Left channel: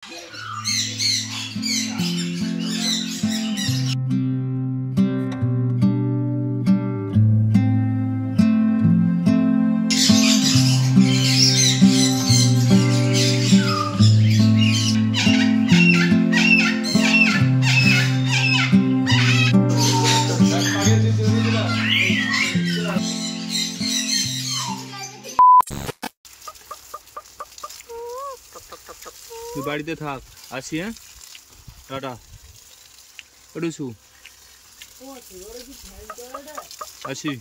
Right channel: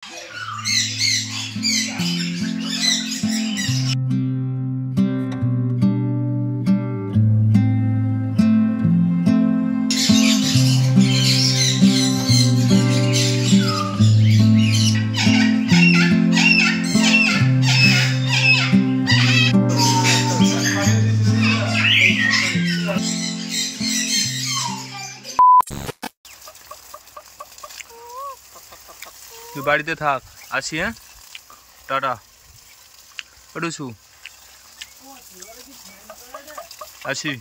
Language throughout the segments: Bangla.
তুই বাড়িতে থাক, আসি। হ্যাঁ, টাটা। পড়ুছু আসি।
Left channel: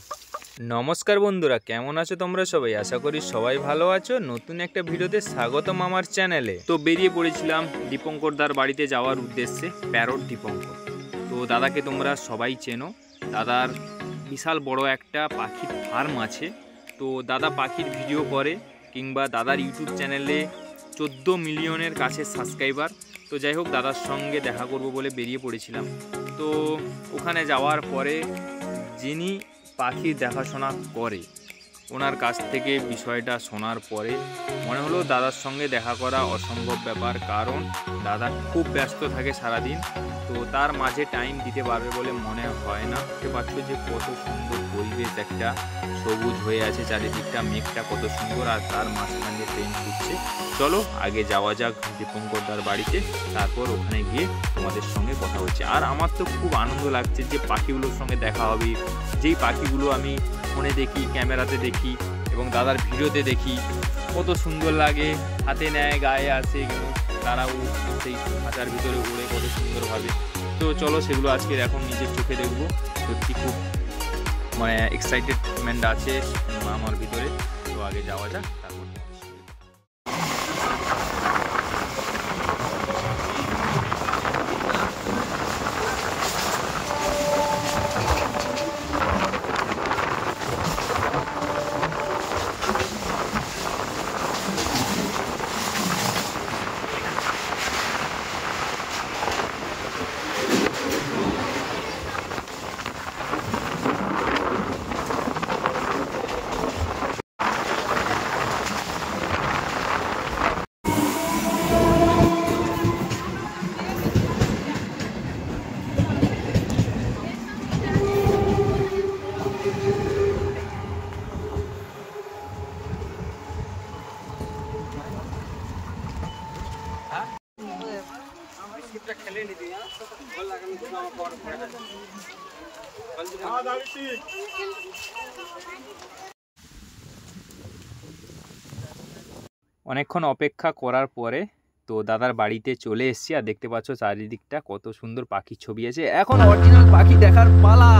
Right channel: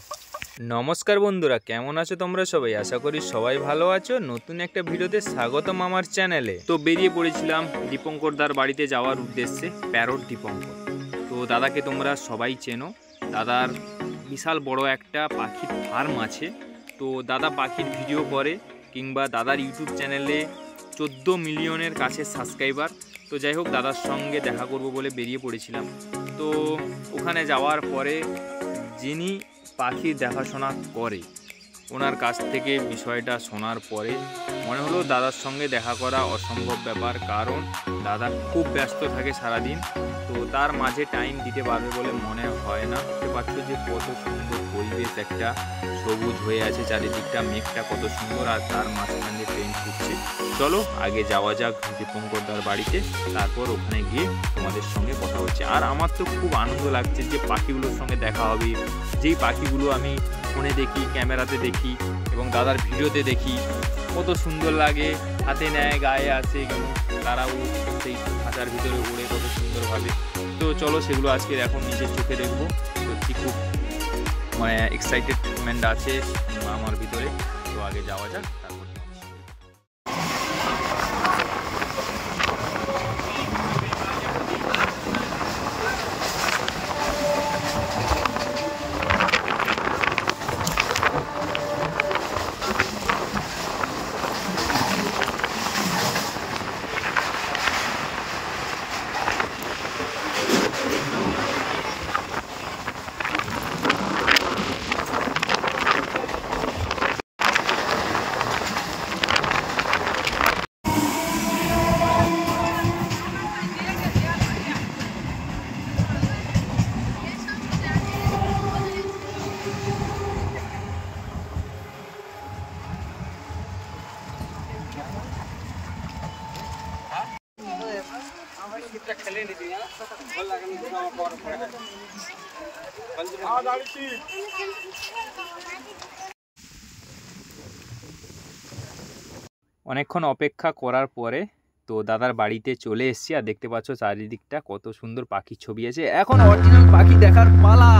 নমস্কার বন্ধুরা, কেমন আছো তোমরা সবাই? আশা করি সবাই ভালো আছো। নতুন একটা ভিডিওতে স্বাগতম আমার চ্যানেলে। তো বেরিয়ে পড়েছিলাম দীপঙ্কর দার বাড়িতে যাওয়ার উদ্দেশ্যে, প্যারট দীপঙ্কর। তো দাদাকে তোমরা সবাই চেনো। দাদার বিশাল বড় একটা পাখির ফার্ম আছে। তো দাদা পাখির ভিডিও করে, কিংবা দাদার ইউটিউব চ্যানেলে 14 মিলিয়নের কাছে সাবস্ক্রাইবার। তো যাই হোক, দাদার সঙ্গে দেখা করব বলে বেরিয়ে পড়েছিলাম। তো ওখানে যাওয়ার পরে যিনি পাখি দেখাশোনা করে, ওনার কাছ থেকে বিষয়টা শোনার পরে মনে হলো দাদার সঙ্গে দেখা করা অসম্ভব ব্যাপার, কারণ দাদা খুব ব্যস্ত থাকে সারাদিন। তো তার মাঝে টাইম দিতে পারবে বলে মনে হয় না। দেখতে পাচ্ছ যে কত সুন্দর পরিবেশ, একটা সবুজ হয়ে আছে চারিদিকটা, মেঘটা কত সুন্দর, আর তার মাঝখান দিয়ে ট্রেন ছুটছে। চলো আগে যাওয়া যাক দীপঙ্কর দার বাড়িতে, তারপর ওখানে গিয়ে তোমাদের সঙ্গে কথা হচ্ছে। আর আমার তো খুব আনন্দ লাগছে যে পাখিগুলোর সঙ্গে দেখা হবে, যেই পাখিগুলো আমি ফোনে দেখি, ক্যামেরাতে দেখি এবং দাদার ভিডিওতে দেখি, কত সুন্দর লাগে। হাতে নেয়, গায়ে আসে, এবং তারাও সেই খাঁচার ভিতরে উড়ে কত সুন্দরভাবে। তো চলো সেগুলো আজকে এখন নিজের চোখে দেখবো। সত্যি খুব মানে এক্সাইটেডমেন্ট আছে আমার ভিতরে। তো আগে যাওয়া যাক, তারপর অনেকক্ষণ অপেক্ষা করার পরে তো দাদার বাড়িতে চলে এসেছি। আর দেখতে পাচ্ছ চারিদিকটা কত সুন্দর পাখির ছবি আছে। এখন অরিজিনাল পাখি দেখার পালা।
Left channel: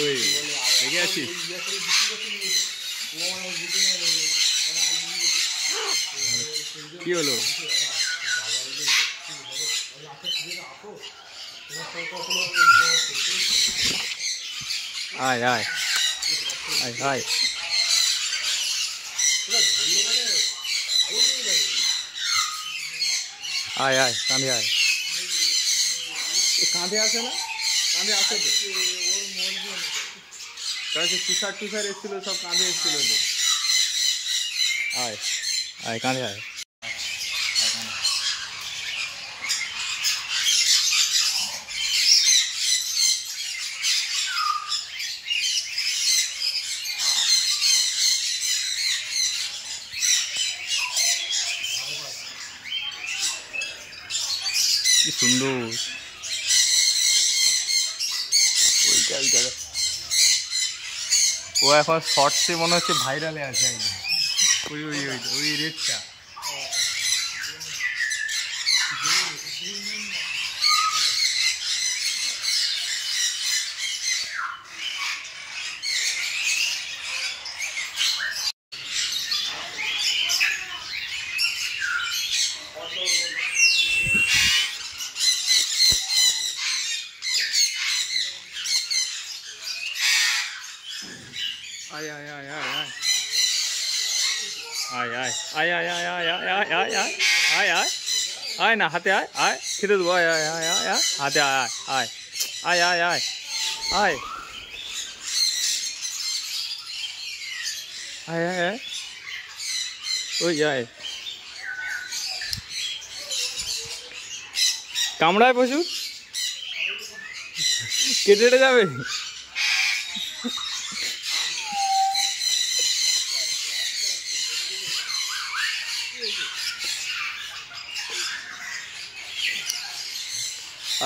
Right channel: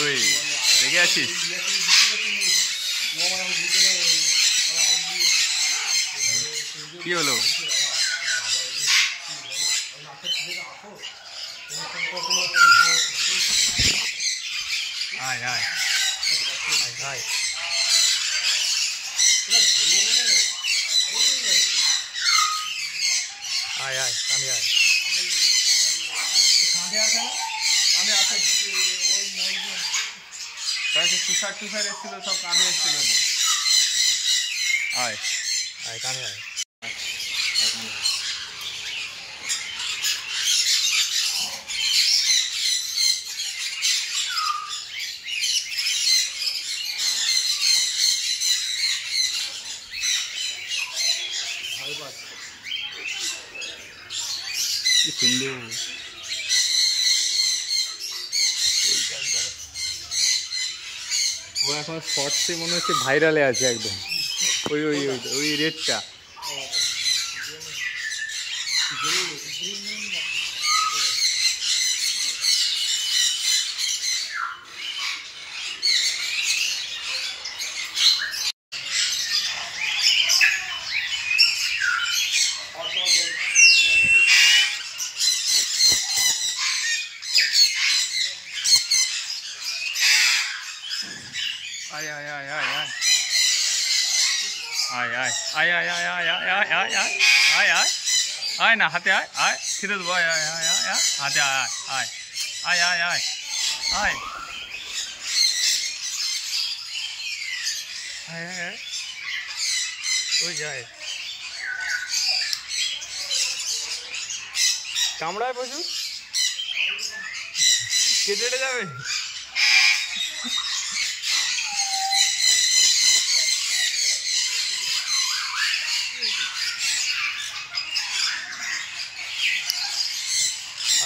ওই দেখে আছিস? কি হলো? আয় আয় আয় আয়। আয় আয়, কাঁধে আয়। কাঁধে আসে না? কাঁধে আসে তো। কাছে তুষার টুষার এসেছিল, সব কাঁধে এসেছিল তো। আয় আয়, কাঁধে আয়। আয় কাঁধে। কি সুন্দর ওইটা, ওই জায়গা। ও এখন শর্টসে মনে হচ্ছে ভাইরালে আছে একদম। ওই ওই ওই ওই রেডটা। আয় আয় আয় আয় আয় আয় আয় আয় আয় আয় আয় আয় আয় আয় আয় আয় আয় না, হাতে আয় আয়, ছেড়ে দেবো। আয় আয় আয় আয় আয়, হাতে আয় আয় আয় আয় আয় আয় আয় আয় আয়, ওই আয়। কামড়ায় প্রচুর, কেটে যাবে।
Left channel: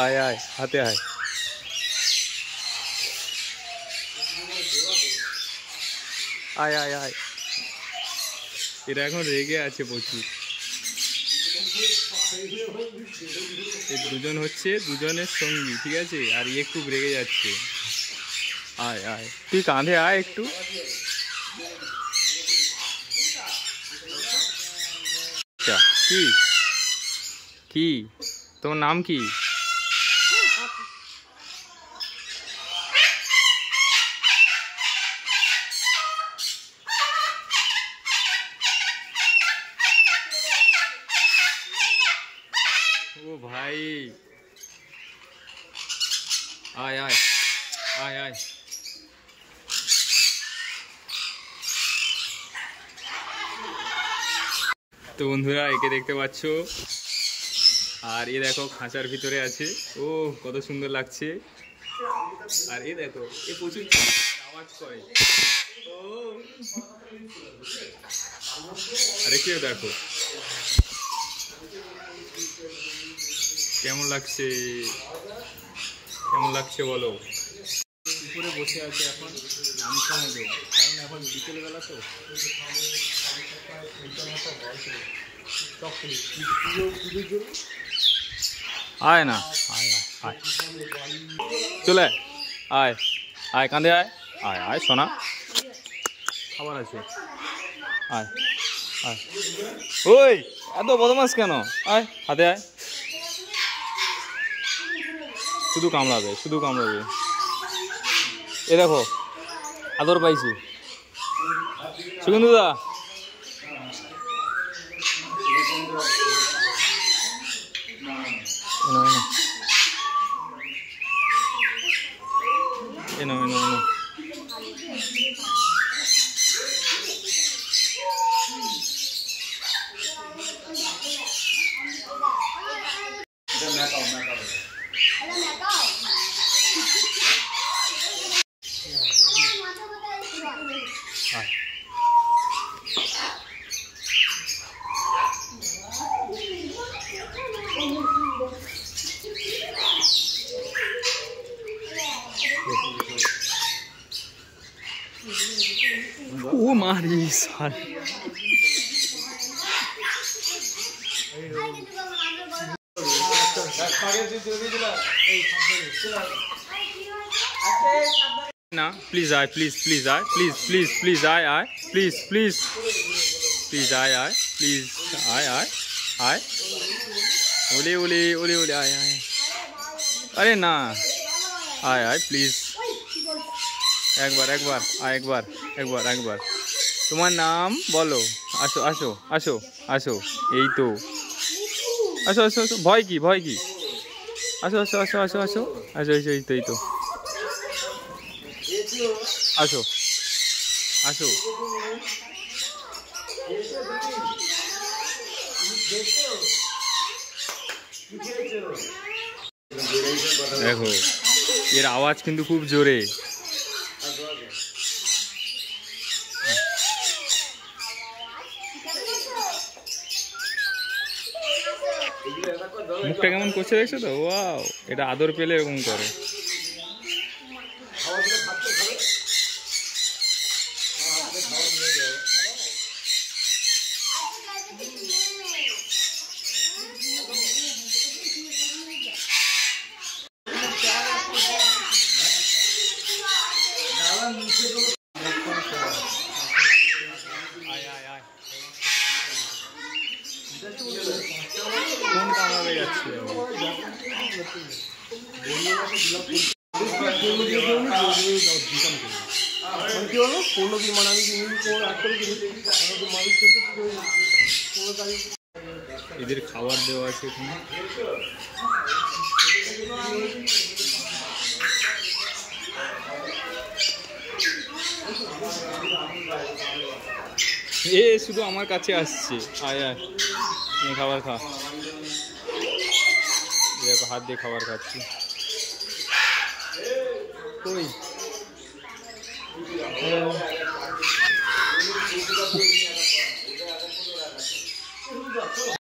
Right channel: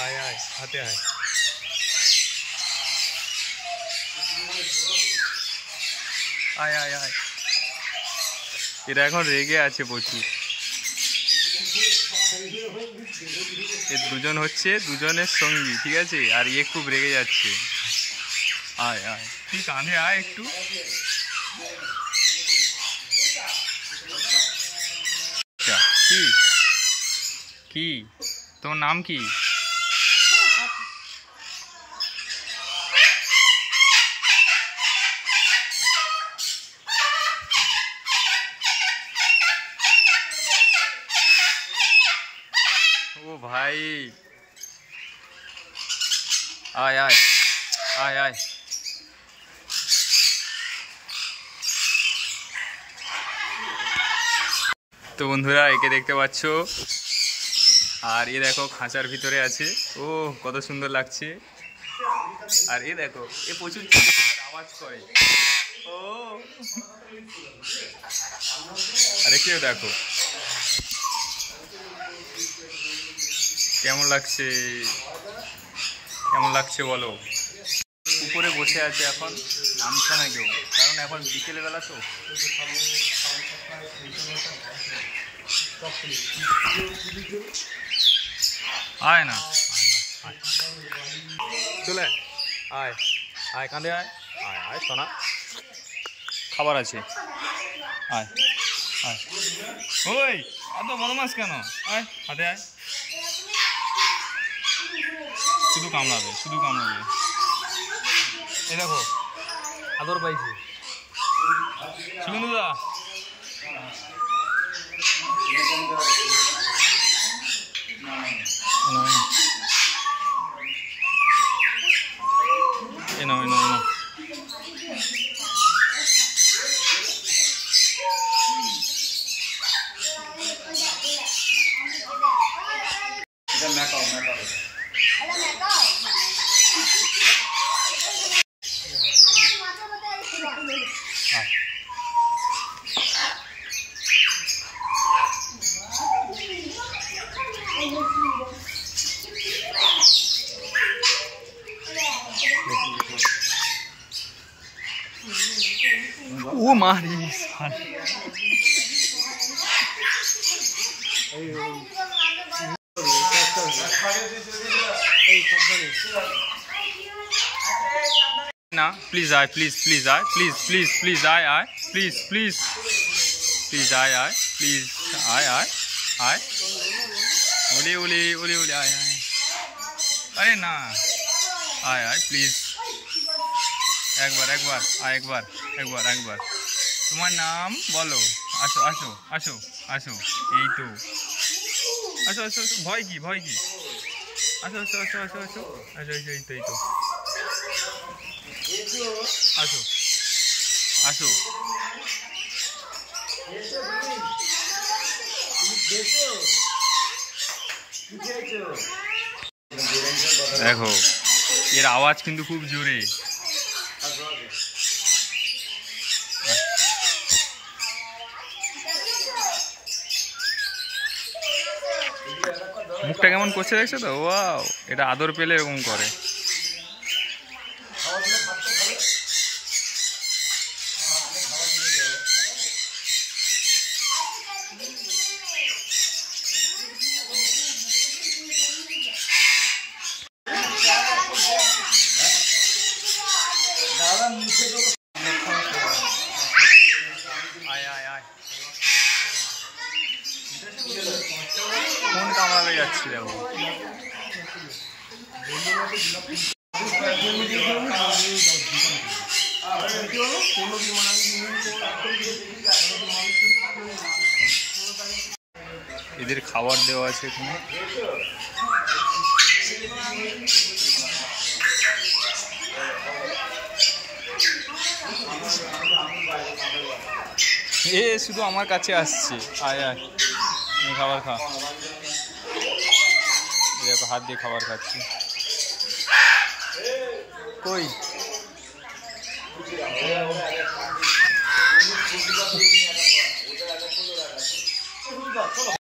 আয় আয়, হাতে আয়। আয় আয় আয়। এরা এখন রেগে আছে প্রচুর। এ দুজন হচ্ছে দুজনের সঙ্গী, ঠিক আছে? আর ইয়ে খুব রেগে যাচ্ছে। আয় আয়, তুই কাঁধে আয় একটু। কি কি তোমার নাম কি? ও ভাই, আয় আয় আয় আয়। তো বন্ধুরা, একে দেখতে পাচ্ছ, আর এ দেখো খাঁচার ভিতরে আছে। ও কত সুন্দর লাগছে। আর এ দেখো, এ প্রচুর আওয়াজ করে। ও আরে কেউ দেখো কেমন লাগছে, কেমন লাগছে বলো। উপরে বসে আছে, এখন নামছে না কেউ, কারণ এখন বিকেল বেলা তো। আয় না, আয় চলে আয় আয়, কাঁধে আয় আয় আয় সোনা, খাবার আছে। আয় আয়। ওই এত বদমাস কেন? আয় হাতে আয়। শুধু কামড়াবে, শুধু কামড়াবে। এ দেখো আদর পাইছি। সুগন্ধুদা, ও মারি সাল। না প্লিজ আয়, প্লিজ প্লিজ আয়, প্লিজ প্লিজ প্লিজ আয় আয়, প্লিজ প্লিজ প্লিজ আয় আয়, প্লিজ আয় আয় আয়। ওলে ওলে ওলে ওলে আয় আয়। আরে না, আয় আয় প্লিজ। একবার একবার আয়, একবার একবার একবার। তোমার নাম বলো। আসো আসো আসো আসো, এই তো। আসো আসো আসো, ভয় কি, ভয় কি? আসো আসো আসো আসো আসো আসো, এই তো এই তো। আসো আসো। দেখো এর আওয়াজ কিন্তু খুব জোরে। মুখটা কেমন করছে দেখছো তো? ওয়াও, এটা আদর পেলে এরকম করে। কোন কামড়াবে যাচ্ছি দেখো। এদের খাবার দেওয়া আছে এখানে। এ শুধু আমার কাছে আসছে। আয় আয়, খাবার খা। দেখো হাত দিয়ে খাবার খাচ্ছি। কই